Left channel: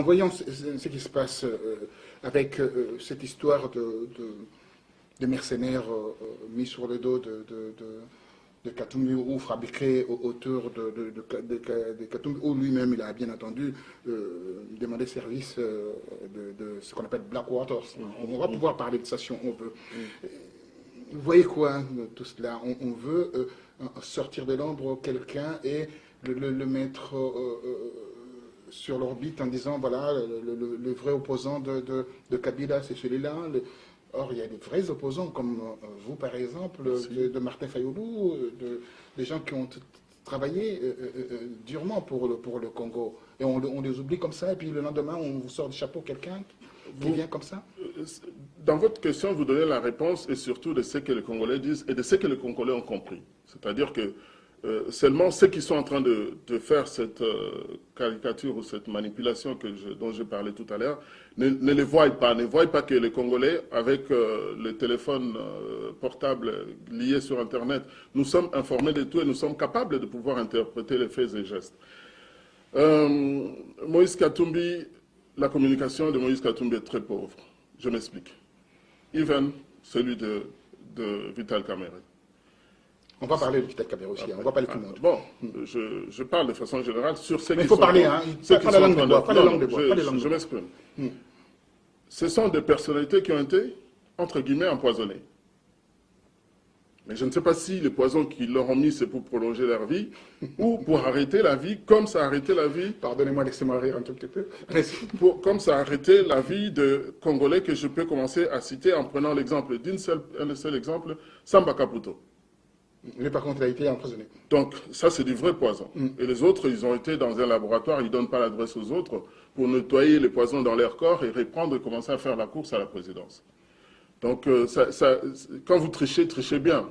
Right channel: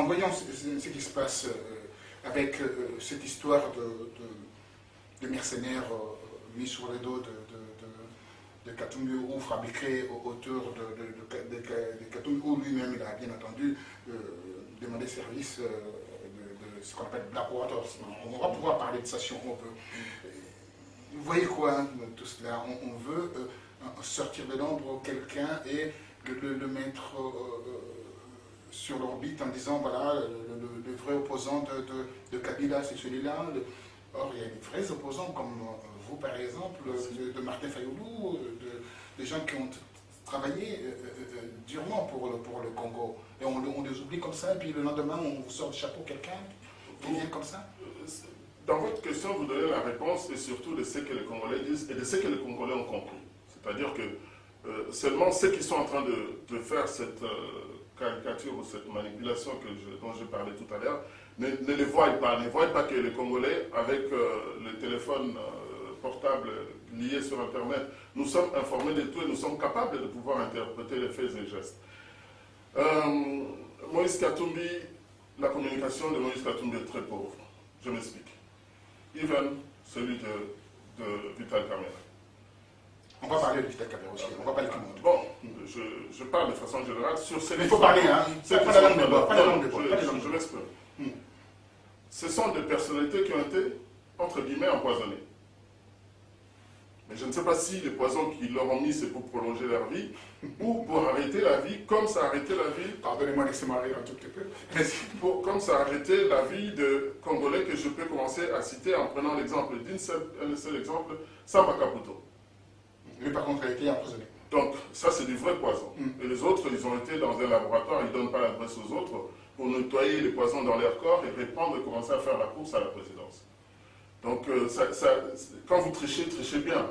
en voyant ce qui se passe avec cette histoire de mercenaires mis sur le dos de Katumbi ou fabriqués autour de Katumbi, où lui-même il a bien entendu demandé service de ce qu'on appelle Blackwater. On va pouvoir parler de ça si on veut. Vous voyez quoi, hein, tout cela? On veut sortir de l'ombre quelqu'un et le mettre sur l'orbite en disant voilà, le vrai opposant de Kabila, c'est celui-là. Or, il y a des vrais opposants comme vous, par exemple, de Martin Fayoulou, des gens qui ont travaillé durement pour le Congo. Et on les oublie comme ça, et puis le lendemain, on vous sort du chapeau quelqu'un qui vient comme ça. Dans votre question, vous donnez la réponse et surtout de ce que les Congolais disent et de ce que les Congolais ont compris. C'est-à-dire que seulement ceux qui sont en train de faire cette caricature ou cette manipulation dont je parlais tout à l'heure ne les voient pas. Ne voient pas que les Congolais, avec le téléphone portable lié sur Internet, nous sommes informés de tout et nous sommes capables de pouvoir interpréter les faits et gestes. Moïse Katumbi, la communication de Moïse Katumbi est très pauvre. Je m'explique. Even celui de Vital Kamerhe. On va parler de Vital Kamerhe aussi, on va parler de tout le monde. Bon, je parle de façon générale sur ceux qui sont... Il faut parler, hein. Pas la langue de bois, pas la langue de bois. Je m'exprime. Ce sont des personnalités qui ont été, entre guillemets, empoisonnées. Mais je ne sais pas si le poison qu'ils leur ont mis, c'est pour prolonger leur vie ou pour arrêter la vie, comme ça a arrêté la vie... Pardonnez-moi, laissez-moi rire un tout petit peu. Comme ça a arrêté la vie de Congolais que je peux commencer à citer en prenant l'exemple un seul exemple, Samba Kaputo. Lui, par contre, il a été emprisonné. Donc, ça, c'est du vrai poison. Et les autres, ils ont été dans un laboratoire, ils ne donnent pas l'adresse aux autres pour nettoyer les poisons dans leur corps et reprendre et commencer à faire la course à la présidence. Donc, quand vous trichez, trichez bien.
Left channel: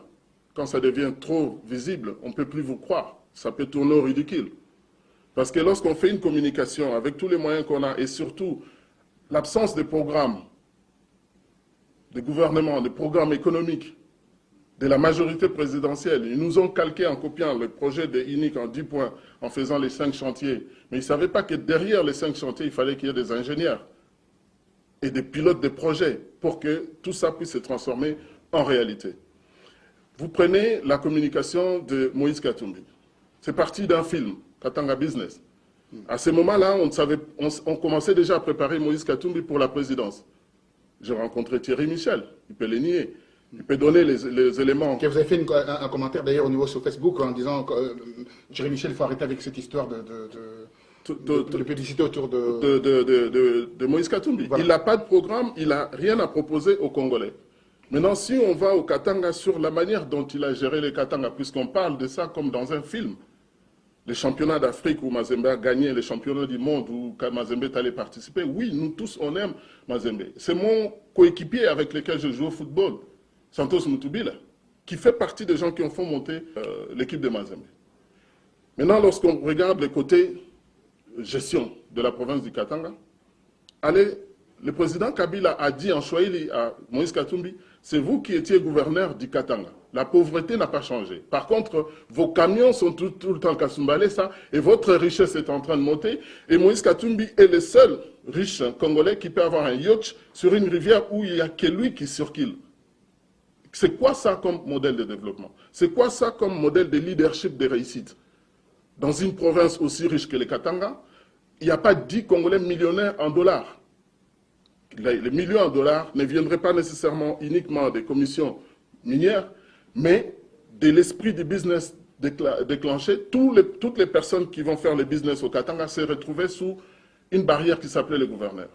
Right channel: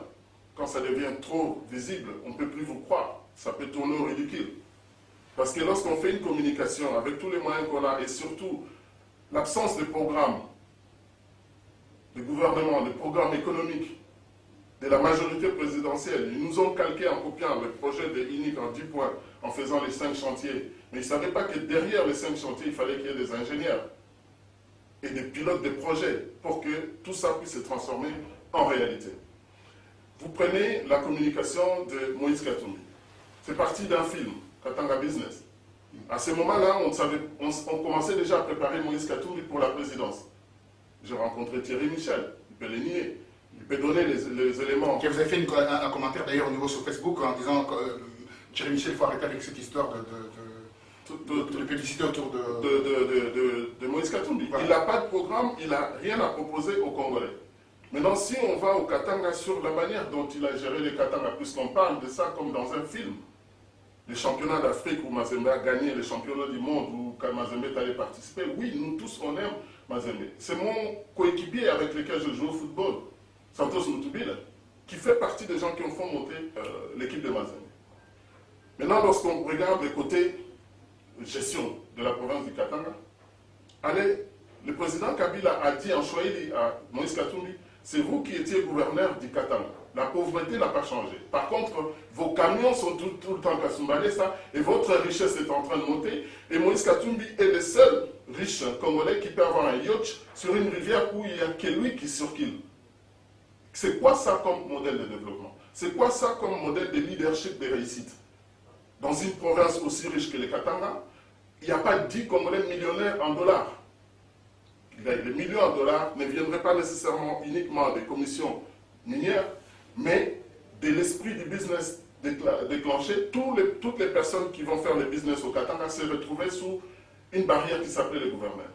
Quand ça devient trop visible, on ne peut plus vous croire. Ça peut tourner au ridicule. Parce que lorsqu'on fait une communication avec tous les moyens qu'on a, et surtout l'absence de programmes, de gouvernement, de programmes économiques, de la majorité présidentielle, ils nous ont calqué en copiant le projet de INIC en 10 points, en faisant les 5 chantiers. Mais ils ne savaient pas que derrière les 5 chantiers, il fallait qu'il y ait des ingénieurs et des pilotes de projets pour que tout ça puisse se transformer en réalité. Vous prenez la communication de Moïse Katumbi. C'est parti d'un film, Katanga Business. À ce moment-là, on commençait déjà à préparer Moïse Katumbi pour la présidence. J'ai rencontré Thierry Michel, il peut les nier. Il peut donner les éléments. Vous avez fait un commentaire d'ailleurs au niveau sur Facebook en disant que Thierry Michel, il faut arrêter avec cette histoire de publicité autour de Moïse Katumbi. Voilà. Il n'a pas de programme, il n'a rien à proposer aux Congolais. Maintenant, si on va au Katanga sur la manière dont il a géré les Katanga, puisqu'on parle de ça comme dans un film, les championnats d'Afrique où Mazembe a gagné, les championnats du monde où Mazembe est allé participer, oui, nous tous, on aime Mazembe. C'est mon coéquipier avec lequel je joue au football, Santos Mutubila, qui fait partie des gens qui ont fait monter l'équipe de Mazembe. Maintenant, lorsqu'on regarde le côté gestion de la province du Katanga, le président Kabila a dit en Swahili à Moïse Katumbi, c'est vous qui étiez gouverneur du Katanga. La pauvreté n'a pas changé. Par contre, vos camions sont tout le temps Kasumbalé, ça, et votre richesse est en train de monter. Et Moïse Katumbi est le seul riche Congolais qui peut avoir un yacht sur une rivière où il n'y a que lui qui circule. C'est quoi ça comme modèle de développement? C'est quoi ça comme modèle de leadership de réussite? Dans une province aussi riche que le Katanga, il n'y a pas 10 Congolais millionnaires en dollars. Les millions en dollars ne viendraient pas nécessairement uniquement des commissions minières, mais de l'esprit du business déclenché. Toutes les personnes qui vont faire le business au Katanga se retrouvaient sous une barrière qui s'appelait le gouverneur.